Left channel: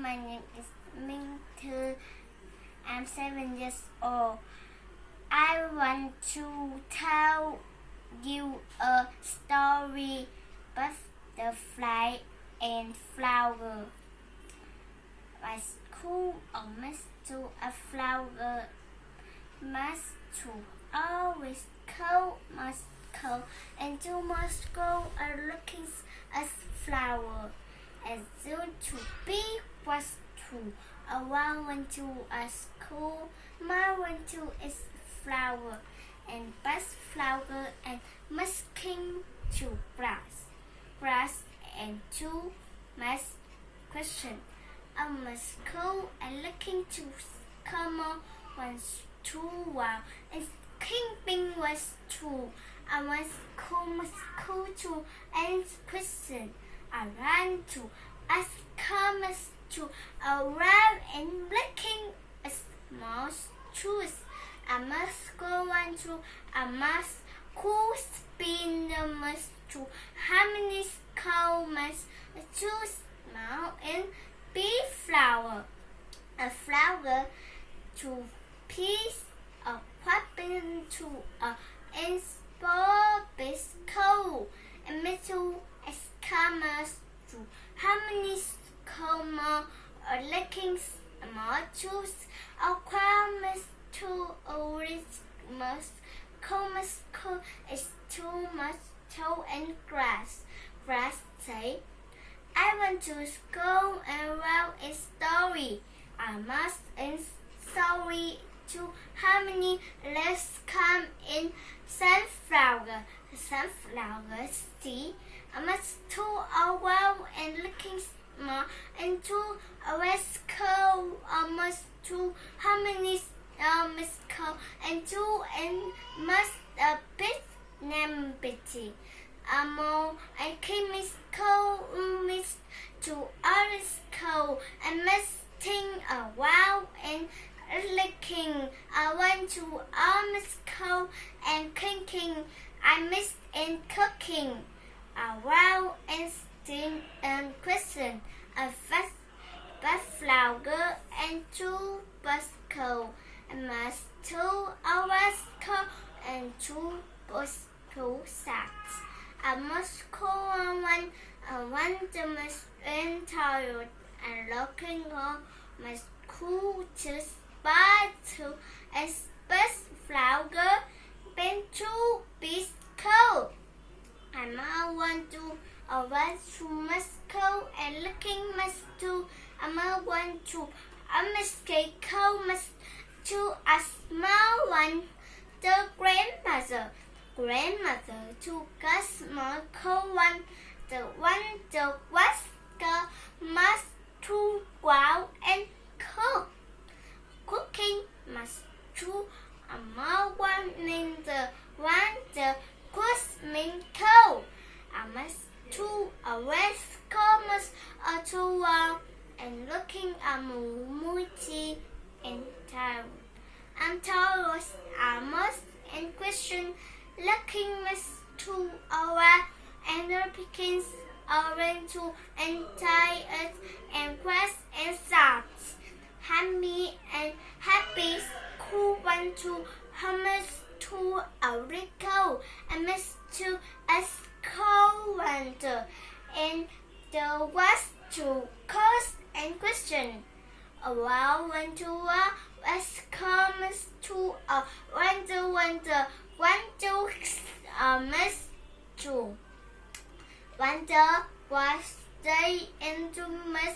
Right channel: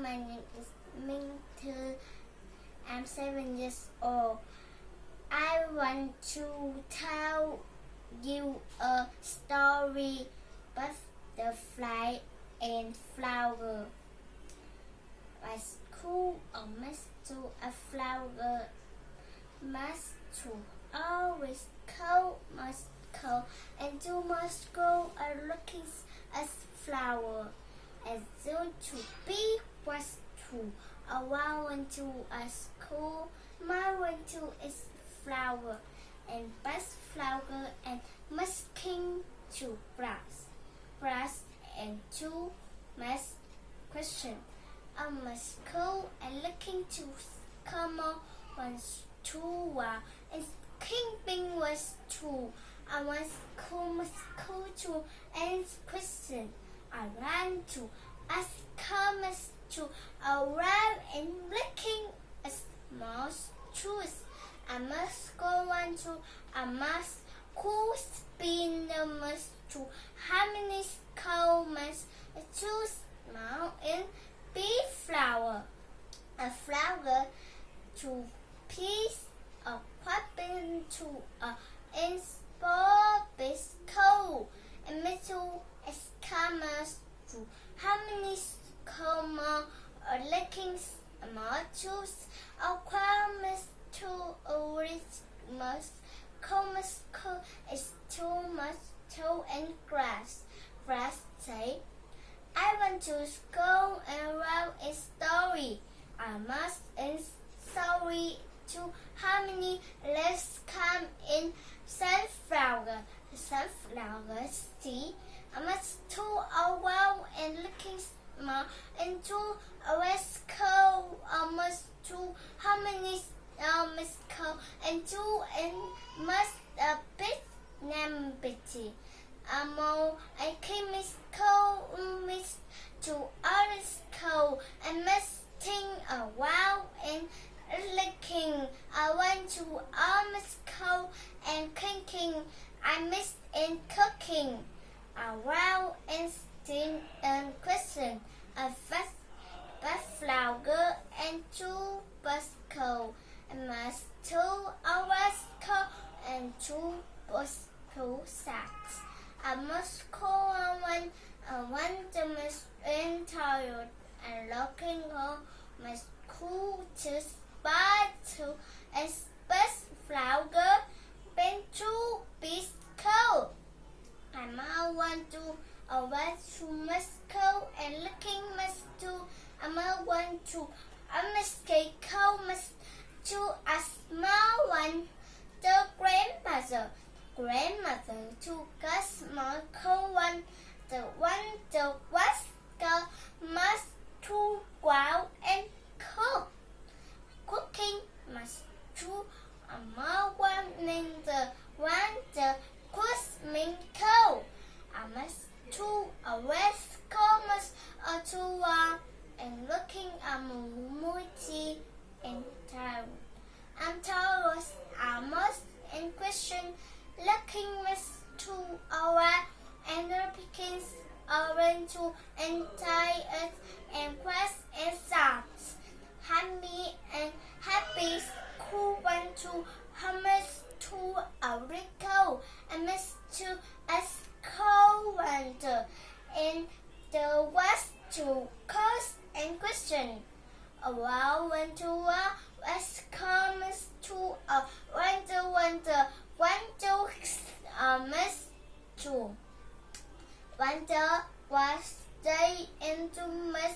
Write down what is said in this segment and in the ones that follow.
my name is Mitasu. I'm 7 years old. I want to tell you a story butterfly and flower. My school almost to a flower, must to always cold, must cold, and you must go a looking as flower. As soon to be was to around to a school, my one to is flower, and best flower and must king to brass and two must question. I must go and looking to come on once too while and king bing was two. I must go to answer question. I ran to ask commerce to arrive and looking a small truth. I must go on to I must cool spin the must to how many commerce to small and be flower. A flower to piece of popping to a and spore bis cold and metal as commerce to how many comma or looking small tools or commerce to orange must commerce is too much toe and grass. Grass say I want to go and write a story. I must and sorry to how many let's come in sunflower. Sunflower see. I must to a well and looking small and to a west cold almost to how many must cold and two and must a bit name bitty. I came miss cold miss to orange cold and must think a while and licking. I went to almost cold and cooking. I missed in cooking. A while and sting and question. A fast flower and two bus cold. And must 2 hours cold and 2 bus cold sacks. I must call on one the must tired and looking on must cool to spy to a best flower been to be cold. I might want to a one to must cold and looking must to I might want to I must get cold must to a small one the grandmother to a small cold one the was must to go out and cook. Cooking must to a more one in the one the Christmas cold. I must to a west commerce or to and looking a multi in town. I'm told I must and question looking must to our and Pekins orange to entire earth and quest and thoughts. Happy and happy cool one to hummus to a rico and miss to a cold one and the was to cause and question. A while went to a west comes to a wonder miss to wonder was day into miss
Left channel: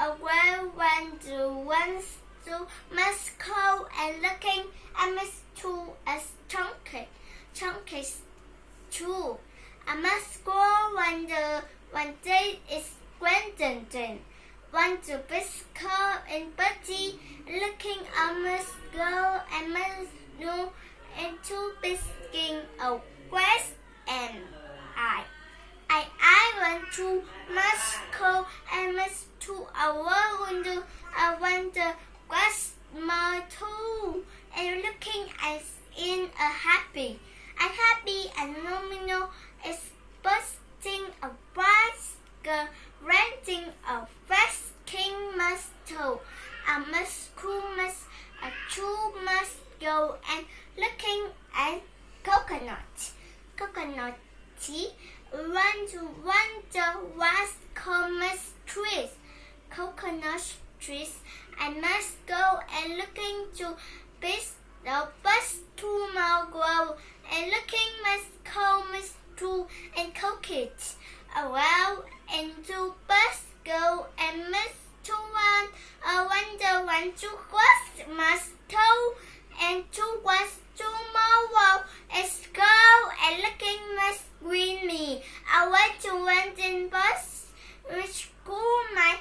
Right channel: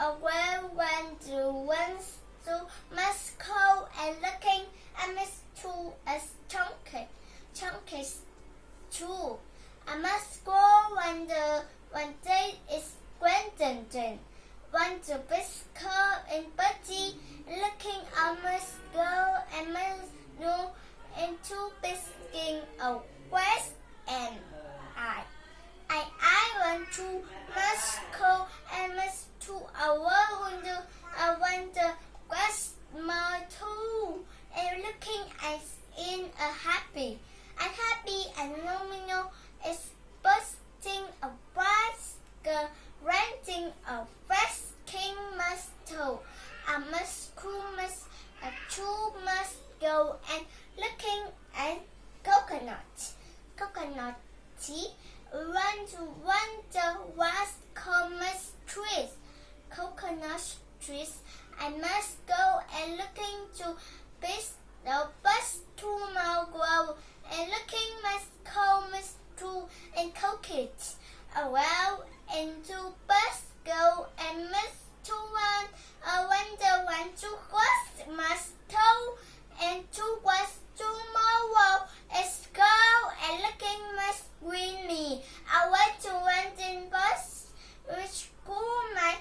away when the ones to must call and looking and miss to a chunky too. I must go one day is Gwendolyn. Want to biscuit and Betty looking I must go and must do into biscuit a west and I want to must go and must to a window I want the west my too and looking as in a happy and nominal is busting a bicycle renting a fast king must I must go and looking to bis the bus to my grove and looking must call Miss True and cook it. Well, and to bus go and Miss to one. I wonder when to was must go and to was tomorrow is go and looking must green me. I went to went in bus which school my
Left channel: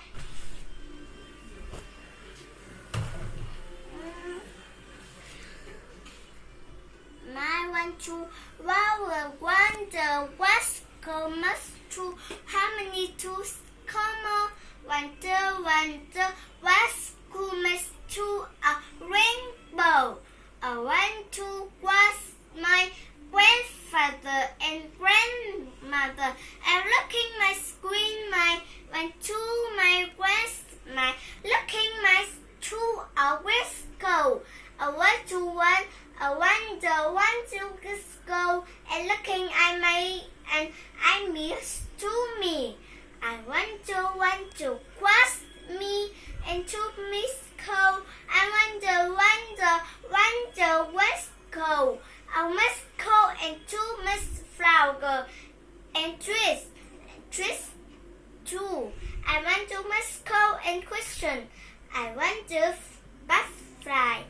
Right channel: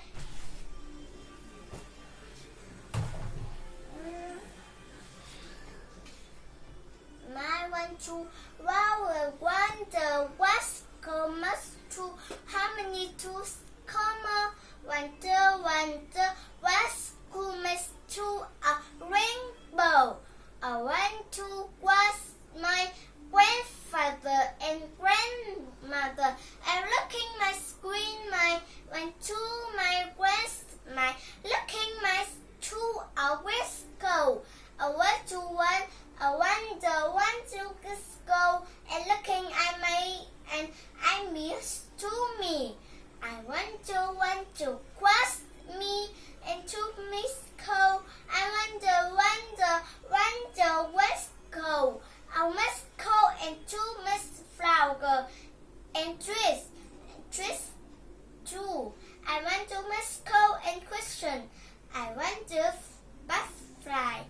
one to well wonder what's comes to how many tools come wonder what school must to a rainbow. I went to was my grandfather and grandmother and looking my screen my went to my my looking my to a whisker. I went to one I wonder to go and looking at my and I miss to me. I want to cross me and to Miss Cole. I wonder what's go. I must go and to Miss Flower and twist too. I want to Miss Cole and question. I want to butterfly.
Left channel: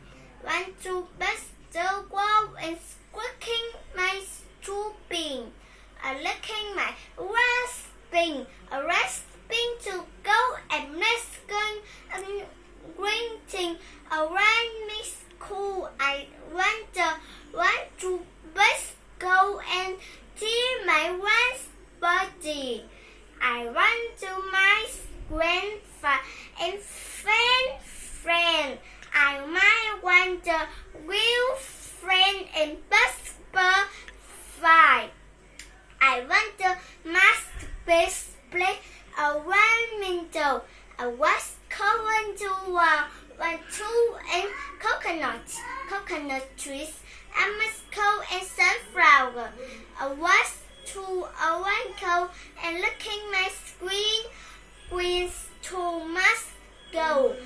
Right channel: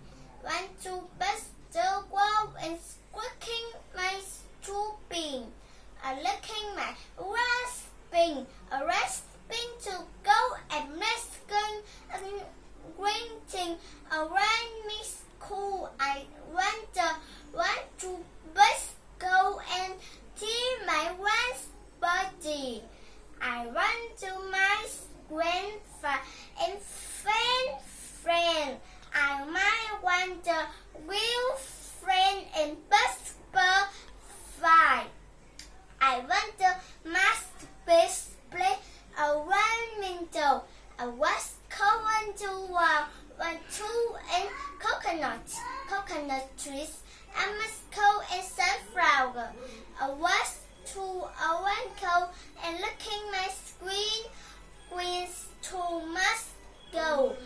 Want to bust the wall and squeaking my stooping. Licking my rasping to go and masking and grinting around me school. I want to bust go and tear my one's body. I want to my grandfather and friend. I might want the real friend and butterfly. I want the mask play around window. I was going to one two and coconut trees. I must go and sunflower. I was to a window and looking my screen with to must go.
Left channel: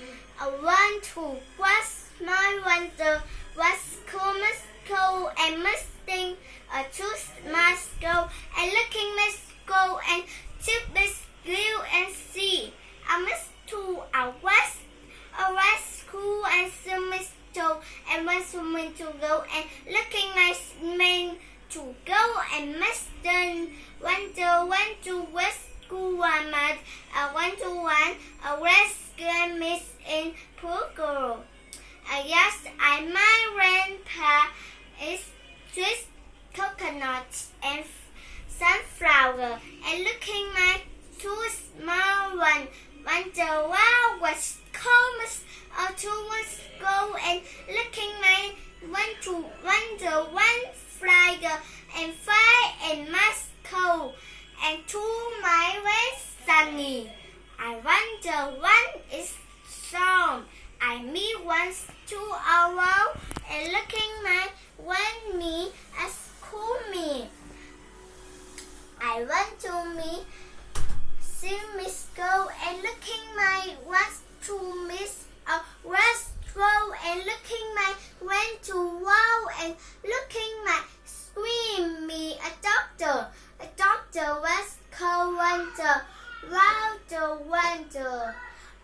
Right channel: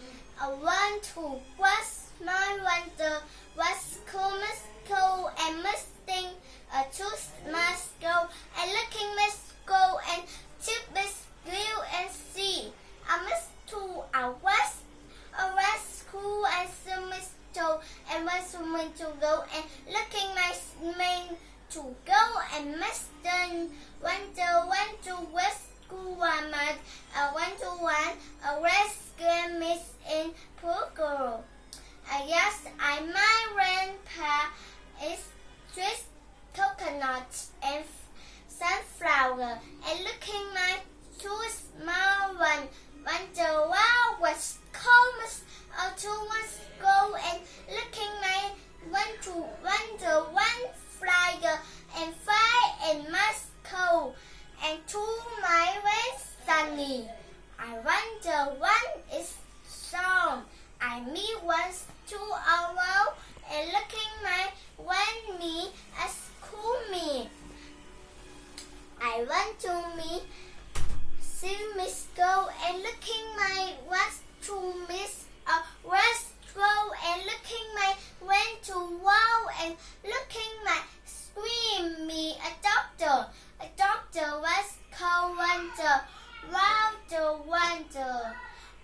I want to was my wonder was cool must go and must think a tooth must go and looking must go and tip must go and see. I must to a west school and some must go and must woman to go and looking my man to go and must done went to west school mad. I went to one a west school miss in poor girl. Yes, my grandpa is just coconut and sunflower and looking my two small one. Wonder wow was comes to must go and looking my wonder one flyer and fire and must go and to my way sunny. I wonder one is song. I meet once to a wall and looking my one me as cool me. I want to me see Miss Go and looking my was to Miss West Go and looking my went to wow and looking my scream me a doctor was called wonder.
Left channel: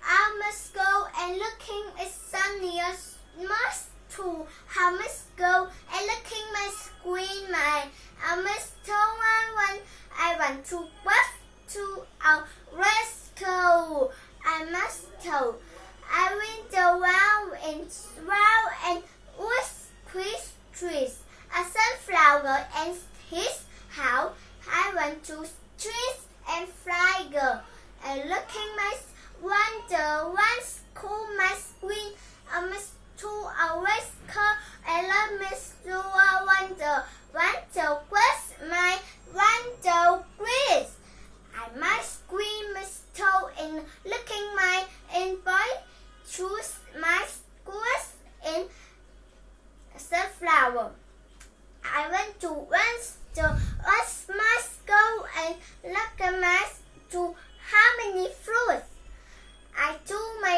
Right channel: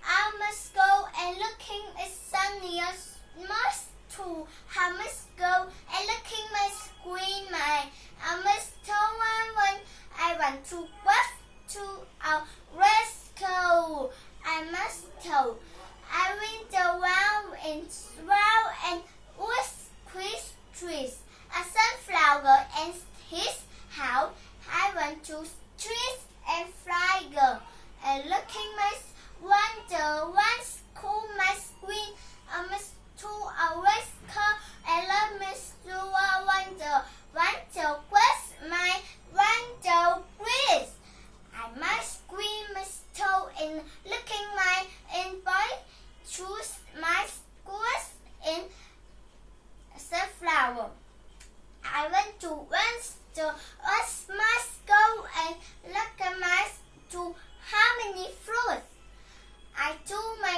I must go and looking is sunny must to I must go and looking my screen my I must tell one I want to bus to a rescue. I must tell I went around and was Chris trees a sunflower and his house. I want to trees and fly girl and looking my wonder once cool my screen. I must to a rescue. I love Miss Lua wonder quest my wonder quiz. I must scream Miss Toe in looking my in boy choose my schools in sunflower. I went to once to us must go and look at my to how many fruits. I told my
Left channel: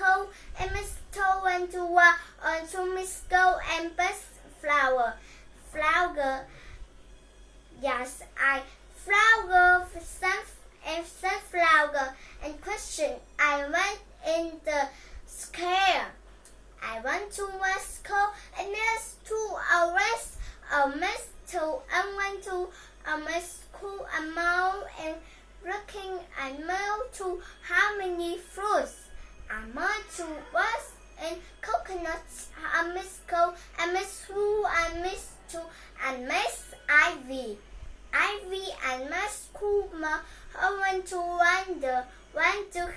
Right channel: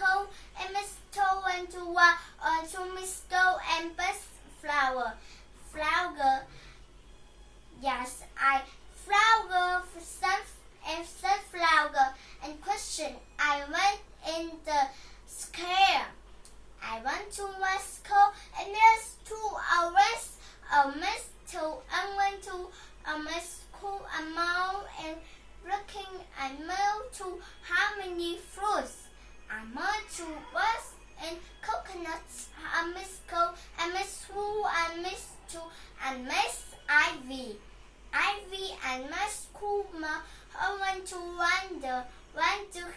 Cole and Miss Toe went to Miss Go and best flower. Flower. Yes, I flower and sunflower and question. I went in the scare. I went to West Coast and there's to a rest. Miss Toe and went to a Miss Cool a mall and looking I moved to how many fruits? I moved to West and coconuts. I Miss Cool, I Miss Who, I Miss Two, I Miss Ivy. Ivy and Miss Kuma. I went to wonder. Went to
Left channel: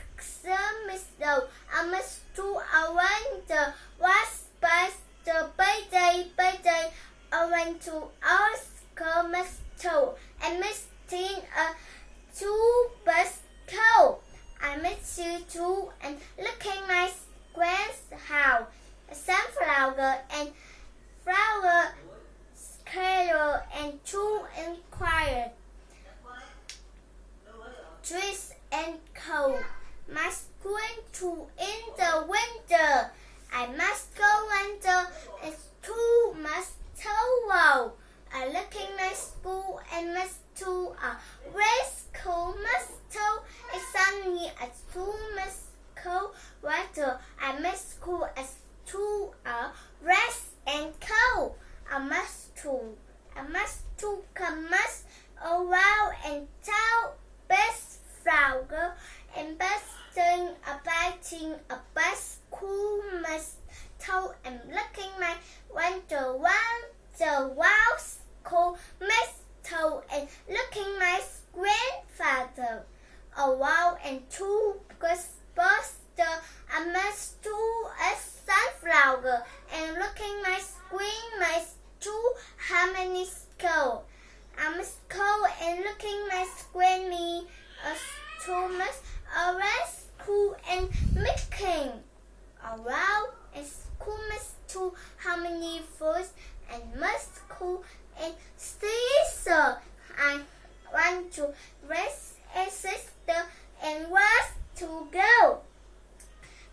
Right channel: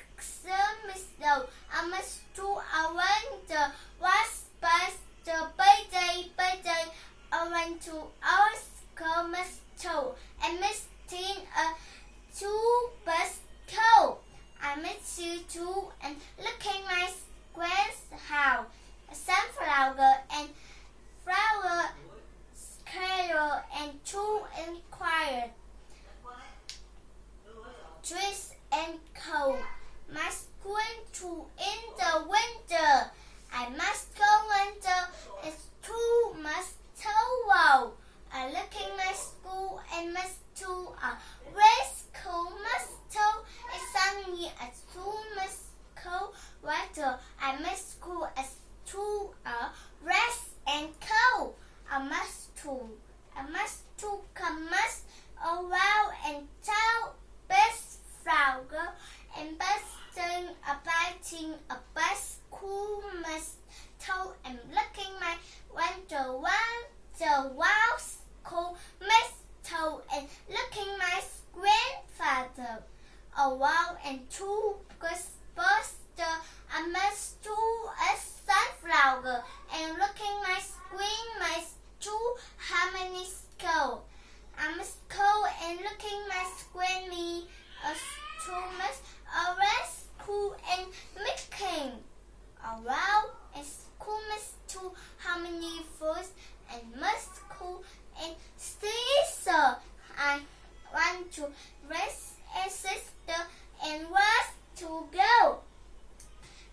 Miss Doe. I Miss Two. I wonder what's best the birthday. I went to ask Miss Toe and Miss Teen two best cow. I miss you too and looking my grand's house. A sunflower and flower carol and two inquired. Trees and cold. Must go into in the winter. I must go winter. It's too must towel. I looking my school and must to a race cool must toe. It's sunny as too must cold weather. I must school as to a rest and cold. I must to come must around and tell best flower and best thing biting a best cool must toe and looking my winter one the wild cool must toe and looking my grandfather a wow and two buster I must do a sunflower and looking my screen my two how many skull I must go and looking my screen me a two must a rest cool and making a wow and school must two how many foods and must cool and Caesar. I want to rest a sister and was to go.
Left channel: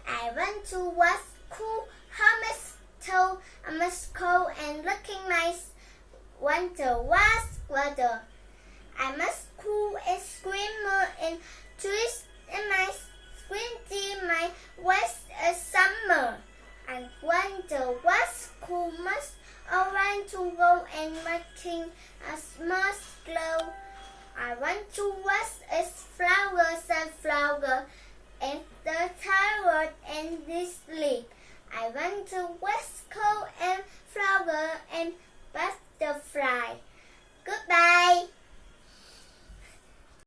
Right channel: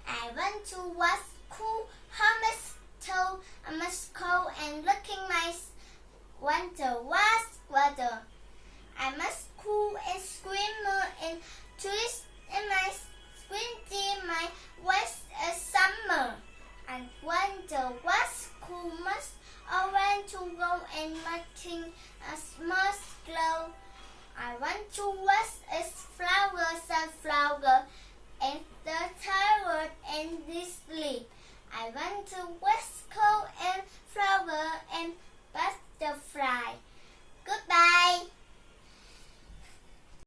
I went to was cool. How must tell I must go and looking my winter was weather. I must cool and screamer and twist in my squinty my west a summer. I wonder what's cool must I want to go and making a small glow. I want to wash a flower, sunflower, and the tired and this sleep. I want to wash